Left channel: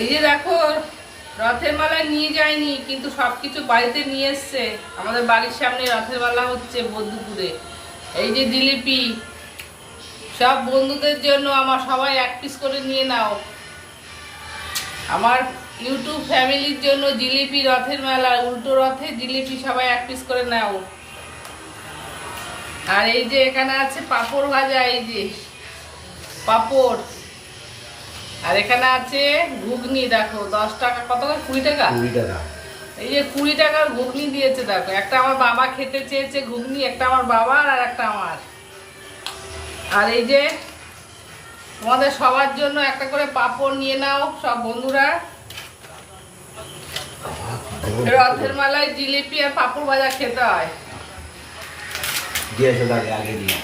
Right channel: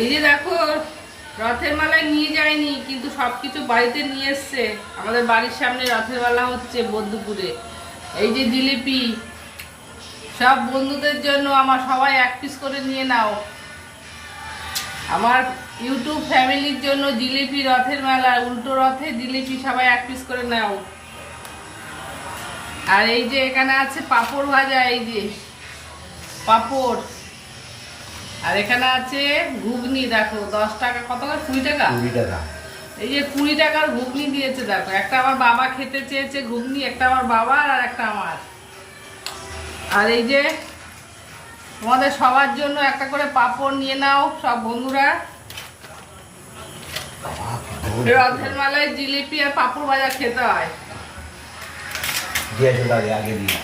এই যে দেখো, রথের মেলায় নিয়ে যায়নি কিন্তু সবকিছু বাড়িতে নিয়ে এসছে। আমাদের বাড়ির সামনে রথের মেলা হচ্ছে বদ্যপুরে। এই যে জিলিপি, সব বন্ধুদের জন্য আমার, সবাই এক পিস করে নিয়ে নাও। আমার ইউটিউব ফ্যামিলির জন্য জিলিপি, রথের মেলা, উল্টো রথে জিলিপি, সবাই এক পিস করে নাও। আর এই যে এখানে আছে পাঁপড় ভাজা, এই যে পাঁপড়। আর এখানে আছে ঘুগনি, দেখো 10 টাকা, কত করে? 20 টাকা। 20 টাকা। এই যে 20 টাকার ঘুগনি দিয়েছে, দেখো। একটা আমার বাবা খেতে চেয়েছে ঘুগনি, একটা আমার বাবার আর একটা আমার। আর এই যে তোমাদের সবার জন্য একটা করে পাঁপড় নিয়ে নাও সব বন্ধুরা। রথের মেলায় জিলিপি আর পাঁপড় ভাজা খেতে হয়। দিয়েছে আগে দিয়ে।